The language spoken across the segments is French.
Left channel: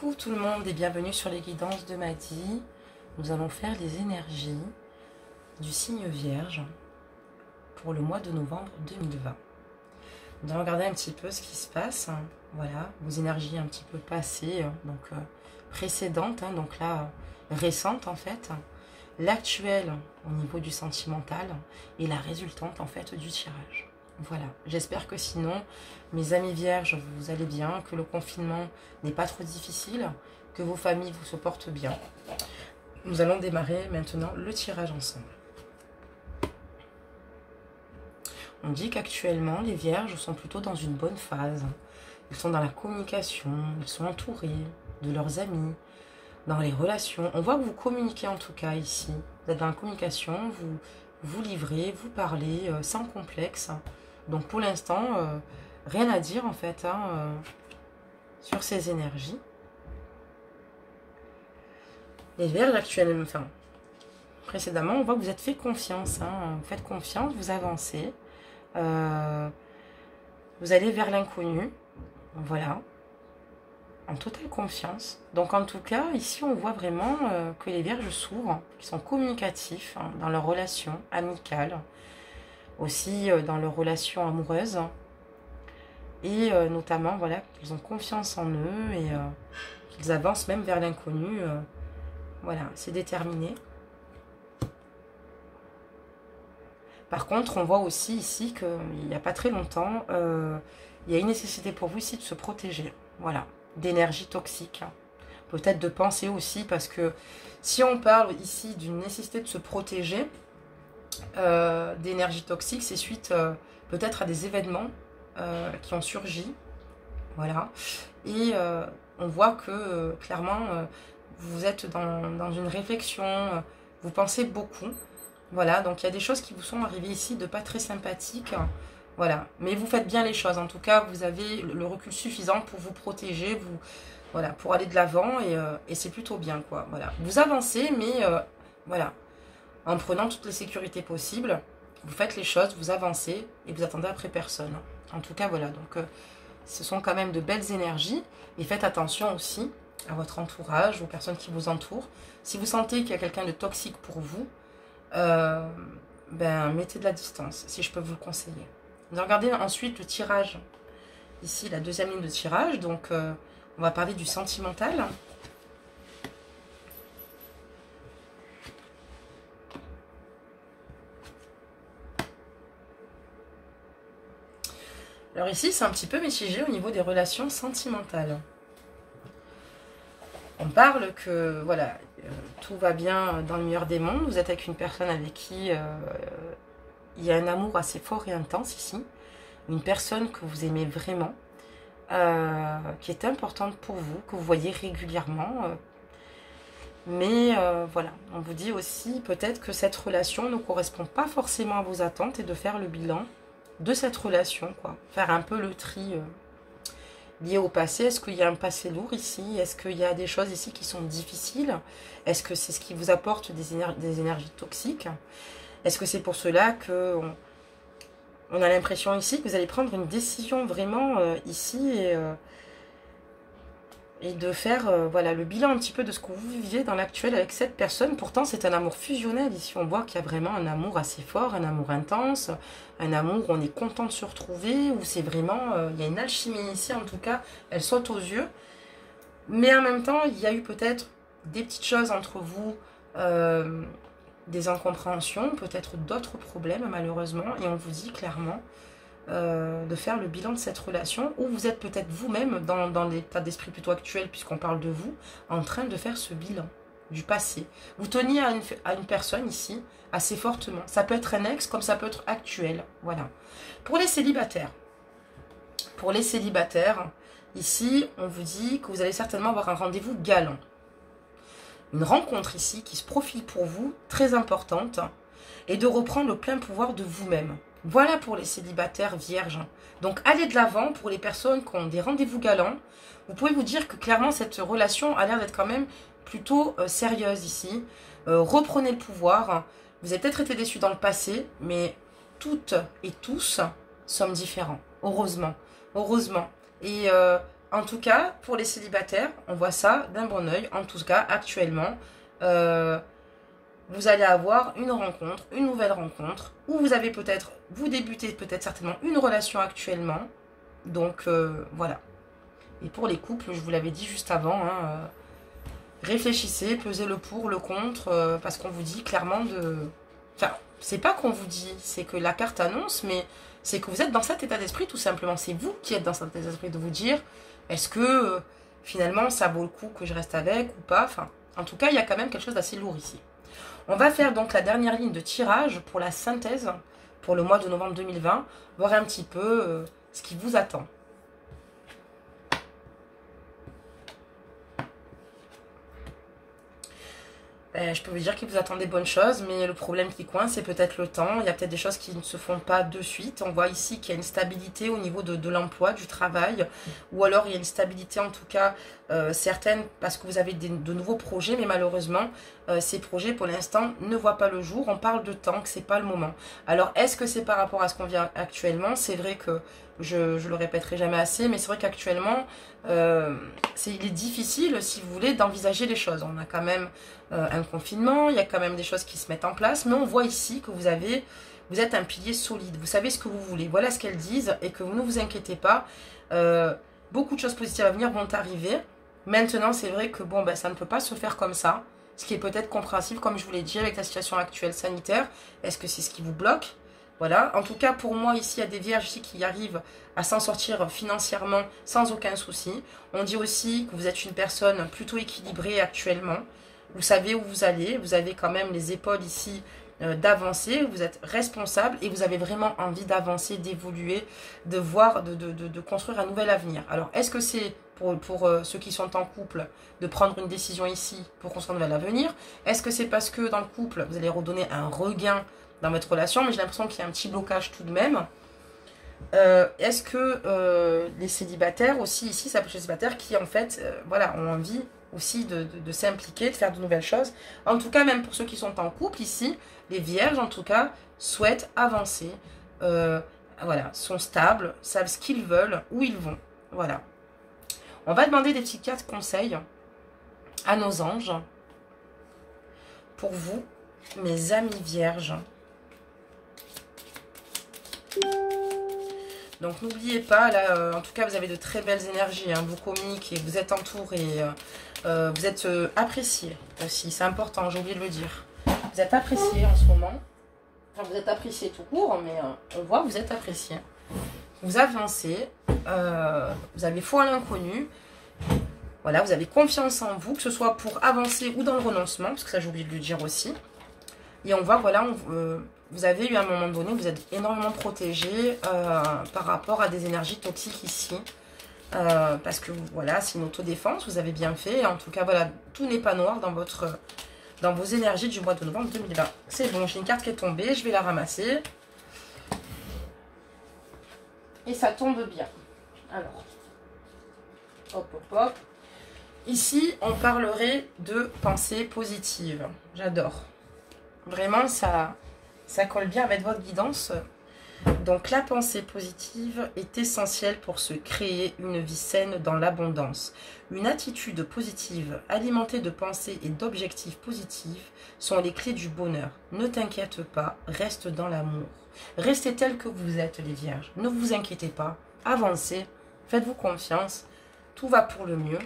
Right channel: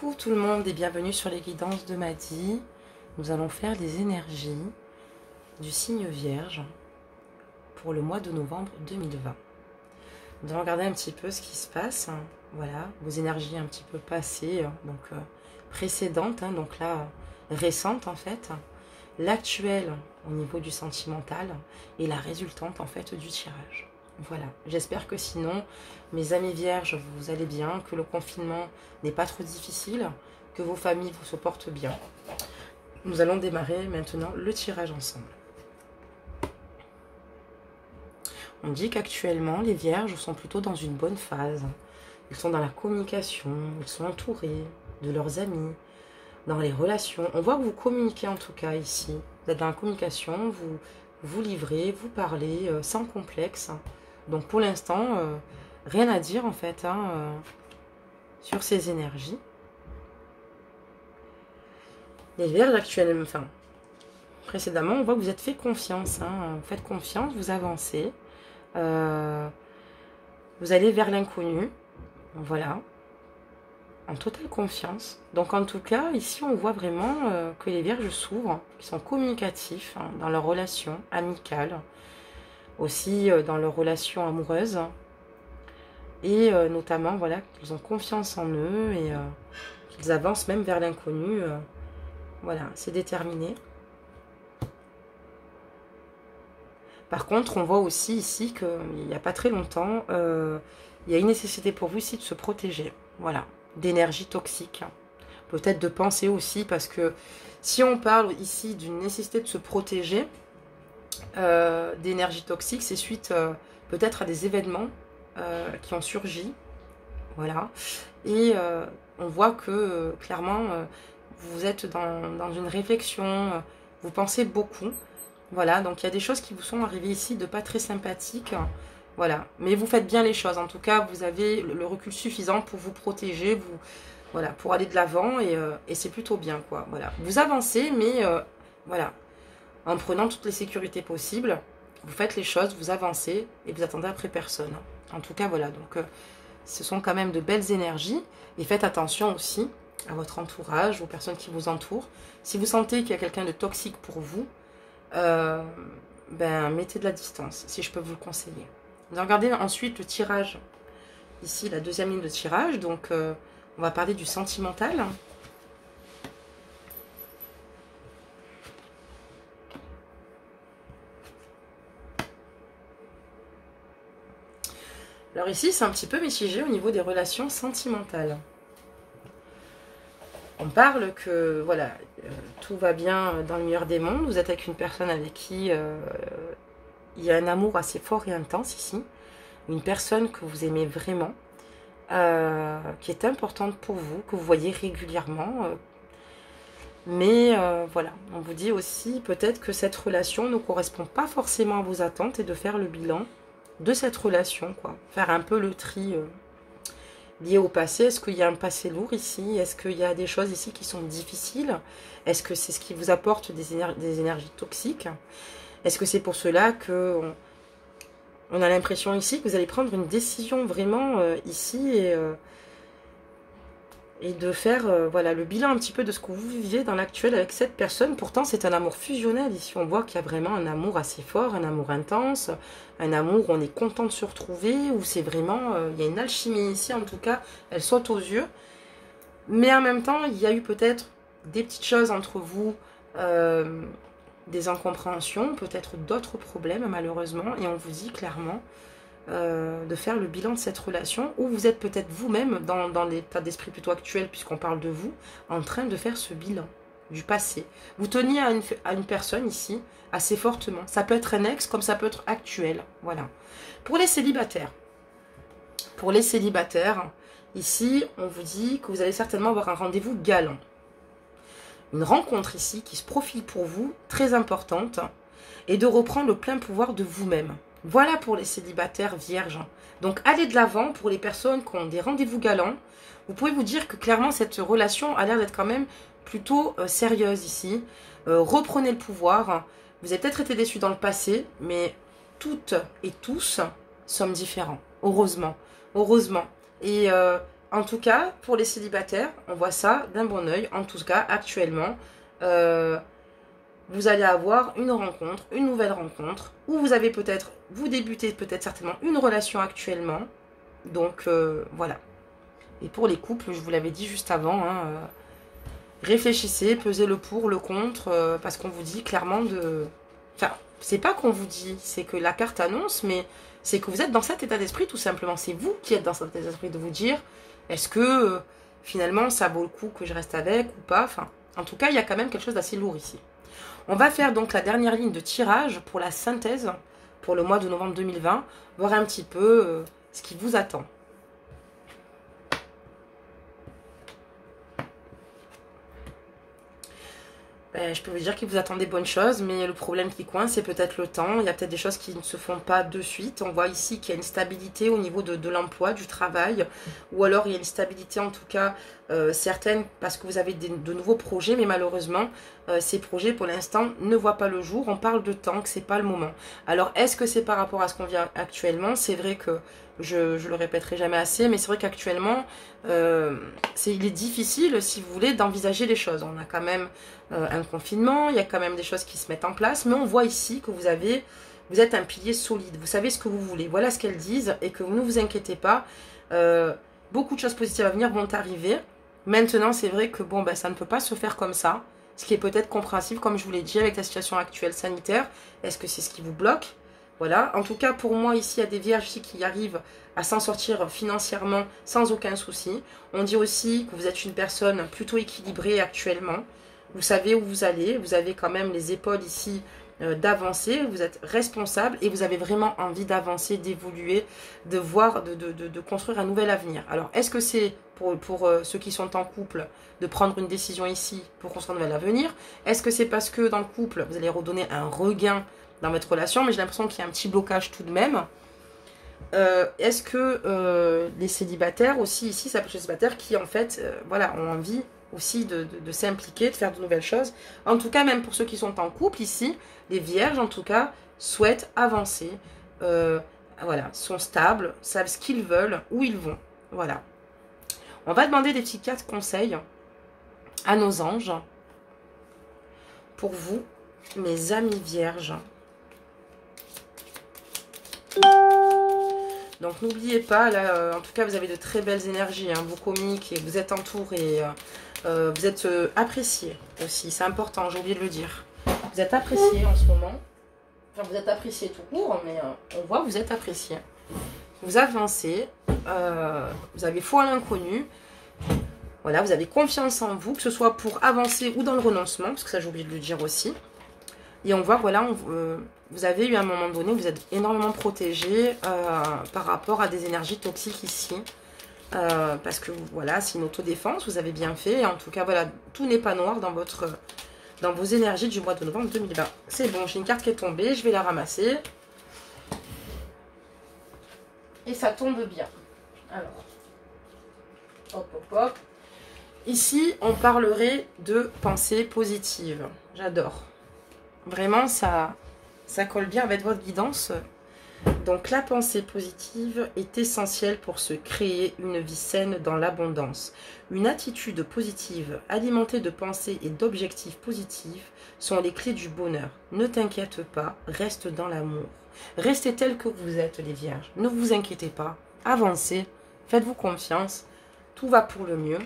Coucou tout le monde et bienvenue sur les guidances de Madi. Nous allons faire les énergies du signe Vierge pour le mois de novembre 2020. Nous allons regarder un petit peu ce qui se passe. Voilà, vos énergies un petit peu passées, donc précédentes, donc là récentes en fait, l'actuelle au niveau du sentimental et la résultante en fait du tirage. Voilà, j'espère que sinon, mes amis vierges, vous allez bien, que le confinement n'est pas trop difficile, que vos familles vous supportent bien. Nous allons démarrer maintenant le tirage ensemble. On dit qu'actuellement, les vierges sont plutôt dans une bonne phase. Ils sont dans la communication, ils sont entourés de leurs amis, dans les relations. On voit que vous communiquez en tout cas ici. Vous êtes dans la communication, vous vous livrez, vous parlez sans complexe. Donc pour l'instant, rien à dire en fait sur ces énergies. Les vierges actuellement, enfin précédemment, on voit que vous êtes fait confiance. Vous faites confiance, vous avancez. Vous allez vers l'inconnu. Voilà. En totale confiance. Donc en tout cas, ici on voit vraiment que les vierges s'ouvrent, qu'ils sont communicatifs dans leurs relations amicales, aussi dans leurs relations amoureuses. Et notamment, voilà, qu'ils ont confiance en eux et qu'ils avancent même vers l'inconnu. Voilà, c'est déterminé. Par contre, on voit aussi ici qu'il n'y a pas très longtemps, il y a une nécessité pour vous ici de se protéger. Voilà, d'énergie toxique. Peut-être de penser aussi, parce que si on parle ici d'une nécessité de se protéger d'énergie toxique, c'est suite peut-être à des événements qui ont surgi. Voilà. Et on voit que clairement, vous êtes dans une réflexion, vous pensez beaucoup. Voilà, donc il y a des choses qui vous sont arrivées ici de pas très sympathiques. Voilà, mais vous faites bien les choses. En tout cas, vous avez le recul suffisant pour vous protéger, voilà, pour aller de l'avant et c'est plutôt bien, quoi. Voilà, vous avancez, mais voilà, en prenant toutes les sécurités possibles, vous faites les choses, vous avancez et vous attendez après personne. En tout cas, voilà, donc ce sont quand même de belles énergies et faites attention aussi à votre entourage, aux personnes qui vous entourent. Si vous sentez qu'il y a quelqu'un de toxique pour vous, mettez de la distance, si je peux vous le conseiller. On va regarder ensuite le tirage. Ici, la deuxième ligne de tirage. Donc, on va parler du sentimental. Alors ici, c'est un petit peu mitigé au niveau des relations sentimentales. On parle que, voilà, tout va bien dans le meilleur des mondes. Vous êtes avec une personne avec qui il y a un amour assez fort et intense ici. Une personne que vous aimez vraiment, qui est importante pour vous, que vous voyez régulièrement. Mais voilà, on vous dit aussi peut-être que cette relation ne correspond pas forcément à vos attentes et de faire le bilan de cette relation, quoi. Faire un peu le tri lié au passé. Est-ce qu'il y a un passé lourd ici? Est-ce qu'il y a des choses ici qui sont difficiles? Est-ce que c'est ce qui vous apporte des énergies toxiques? Est-ce que c'est pour cela que on a l'impression ici que vous allez prendre une décision vraiment ici et de faire voilà, le bilan un petit peu de ce que vous vivez dans l'actuel avec cette personne. Pourtant, c'est un amour fusionnel. Ici, on voit qu'il y a vraiment un amour assez fort, un amour intense, un amour où on est content de se retrouver, où c'est vraiment, il y a une alchimie ici, en tout cas, elle saute aux yeux. Mais en même temps, il y a eu peut-être des petites choses entre vous, des incompréhensions, peut-être d'autres problèmes, malheureusement, et on vous dit clairement de faire le bilan de cette relation, où vous êtes peut-être vous-même, dans l'état d'esprit plutôt actuel, puisqu'on parle de vous, en train de faire ce bilan du passé. Vous teniez à une personne ici, assez fortement. Ça peut être un ex, comme ça peut être actuel. Voilà. Pour les célibataires, ici, on vous dit que vous allez certainement avoir un rendez-vous galant. Une rencontre ici qui se profile pour vous, très importante, et de reprendre le plein pouvoir de vous-même. Voilà pour les célibataires vierges. Donc, allez de l'avant pour les personnes qui ont des rendez-vous galants. Vous pouvez vous dire que clairement, cette relation a l'air d'être quand même plutôt sérieuse ici. Reprenez le pouvoir. Vous avez peut-être été déçus dans le passé, mais toutes et tous sommes différents. Heureusement. Heureusement. Et En tout cas, pour les célibataires, on voit ça d'un bon oeil. En tout cas, actuellement, euh, vous allez avoir une rencontre, une nouvelle rencontre, ou vous avez peut-être, vous débutez peut-être certainement une relation actuellement. Donc, voilà. Et pour les couples, je vous l'avais dit juste avant, hein, réfléchissez, pesez le pour, le contre, parce qu'on vous dit clairement de... Enfin, c'est pas qu'on vous dit, c'est que la carte annonce, mais c'est que vous êtes dans cet état d'esprit tout simplement. C'est vous qui êtes dans cet état d'esprit de vous dire, est-ce que finalement ça vaut le coup que je reste avec ou pas. Enfin, en tout cas, il y a quand même quelque chose d'assez lourd ici. On va faire donc la dernière ligne de tirage pour la synthèse pour le mois de novembre 2020, voir un petit peu ce qui vous attend. Ben, je peux vous dire qu'il vous attend des bonnes choses, mais le problème qui coince, c'est peut-être le temps. Il y a peut-être des choses qui ne se font pas de suite. On voit ici qu'il y a une stabilité au niveau de l'emploi, du travail, ou alors il y a une stabilité en tout cas certaine parce que vous avez de nouveaux projets, mais malheureusement, ces projets pour l'instant ne voient pas le jour. On parle de temps, que c'est pas le moment. Alors, est-ce que c'est par rapport à ce qu'on vit actuellement? C'est vrai que je le répéterai jamais assez, mais c'est vrai qu'actuellement, il est difficile, si vous voulez, d'envisager les choses. On a quand même un confinement, il y a quand même des choses qui se mettent en place, mais on voit ici que vous êtes un pilier solide, vous savez ce que vous voulez, voilà ce qu'elles disent, et que vous ne vous inquiétez pas, beaucoup de choses positives à venir vont arriver. Maintenant, c'est vrai que bon, ben, ça ne peut pas se faire comme ça, ce qui est peut-être compréhensible, comme je vous l'ai dit, avec la situation actuelle sanitaire. Est-ce que c'est ce qui vous bloque? Voilà, en tout cas pour moi ici, il y a des vierges ici qui arrivent à s'en sortir financièrement sans aucun souci. On dit aussi que vous êtes une personne plutôt équilibrée actuellement. Vous savez où vous allez, vous avez quand même les épaules ici d'avancer, vous êtes responsable et vous avez vraiment envie d'avancer, d'évoluer, de voir, de construire un nouvel avenir. Alors, est-ce que c'est pour ceux qui sont en couple de prendre une décision ici pour construire un nouvel avenir? Est-ce que c'est parce que dans le couple, vous allez redonner un regain dans votre relation? Mais j'ai l'impression qu'il y a un petit blocage tout de même. Est-ce que les célibataires aussi, ici, ça peut être les célibataires qui en fait, voilà, ont envie aussi de s'impliquer, de faire de nouvelles choses. En tout cas, même pour ceux qui sont en couple ici, les vierges en tout cas souhaitent avancer, voilà, sont stables, savent ce qu'ils veulent, où ils vont. Voilà. On va demander des petits cartes conseils à nos anges pour vous, mes amis vierges. Donc n'oubliez pas, là, en tout cas, vous avez de très belles énergies, hein, vous communiquez, vous êtes entourés, vous êtes appréciés aussi, c'est important, j'ai oublié de le dire. Vous êtes appréciés en ce moment. Enfin, vous êtes appréciés tout court, mais on voit que vous êtes appréciés. Vous avancez, vous avez foi à l'inconnu. Voilà, vous avez confiance en vous, que ce soit pour avancer ou dans le renoncement, parce que ça j'ai oublié de le dire aussi. Et on voit que voilà, vous avez eu à un moment donné, vous êtes énormément protégé par rapport à des énergies toxiques ici. Parce que voilà, c'est une autodéfense, vous avez bien fait. Et en tout cas, voilà, tout n'est pas noir dans vos énergies du mois de novembre 2020. C'est bon, j'ai une carte qui est tombée, je vais la ramasser. Et ça tombe bien. Alors, hop, hop, hop. Ici, on parlerait de pensée positive. J'adore. Vraiment, ça colle bien avec votre guidance. Donc, la pensée positive est essentielle pour se créer une vie saine dans l'abondance. Une attitude positive, alimentée de pensées et d'objectifs positifs, sont les clés du bonheur. Ne t'inquiète pas, reste dans l'amour. Restez tel que vous êtes, les vierges. Ne vous inquiétez pas. Avancez. Faites-vous confiance. Tout va pour le mieux.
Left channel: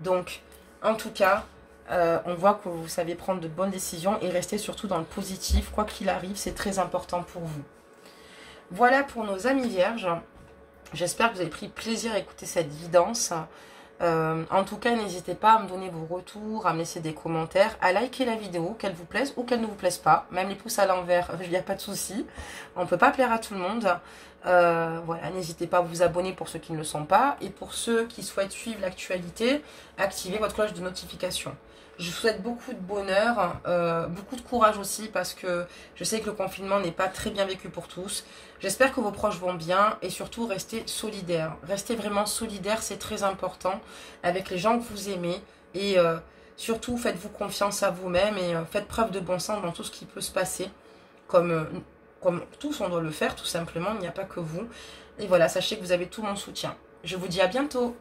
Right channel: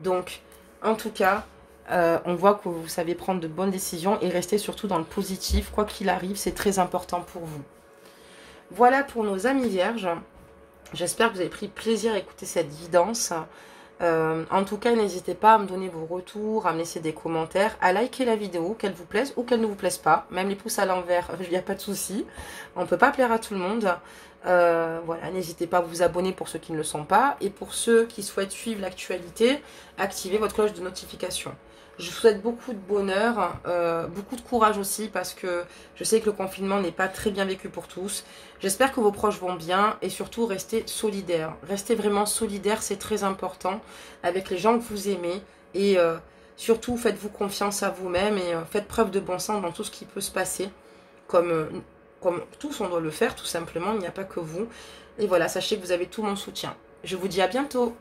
Donc, en tout cas, on voit que vous savez prendre de bonnes décisions et rester surtout dans le positif. Quoi qu'il arrive, c'est très important pour vous. Voilà pour nos amis vierges. J'espère que vous avez pris plaisir à écouter cette guidance. En tout cas, n'hésitez pas à me donner vos retours, à me laisser des commentaires, à liker la vidéo, qu'elle vous plaise ou qu'elle ne vous plaise pas. Même les pouces à l'envers, il n'y a pas de souci. On ne peut pas plaire à tout le monde. Voilà, n'hésitez pas à vous abonner pour ceux qui ne le sont pas. Et pour ceux qui souhaitent suivre l'actualité, activez votre cloche de notification. Je vous souhaite beaucoup de bonheur, beaucoup de courage aussi parce que je sais que le confinement n'est pas très bien vécu pour tous. J'espère que vos proches vont bien et surtout restez solidaires. Restez vraiment solidaires, c'est très important avec les gens que vous aimez. Et surtout, faites-vous confiance à vous-même et faites preuve de bon sens dans tout ce qui peut se passer. Comme tous, on doit le faire tout simplement, il n'y a pas que vous. Et voilà, sachez que vous avez tout mon soutien. Je vous dis à bientôt.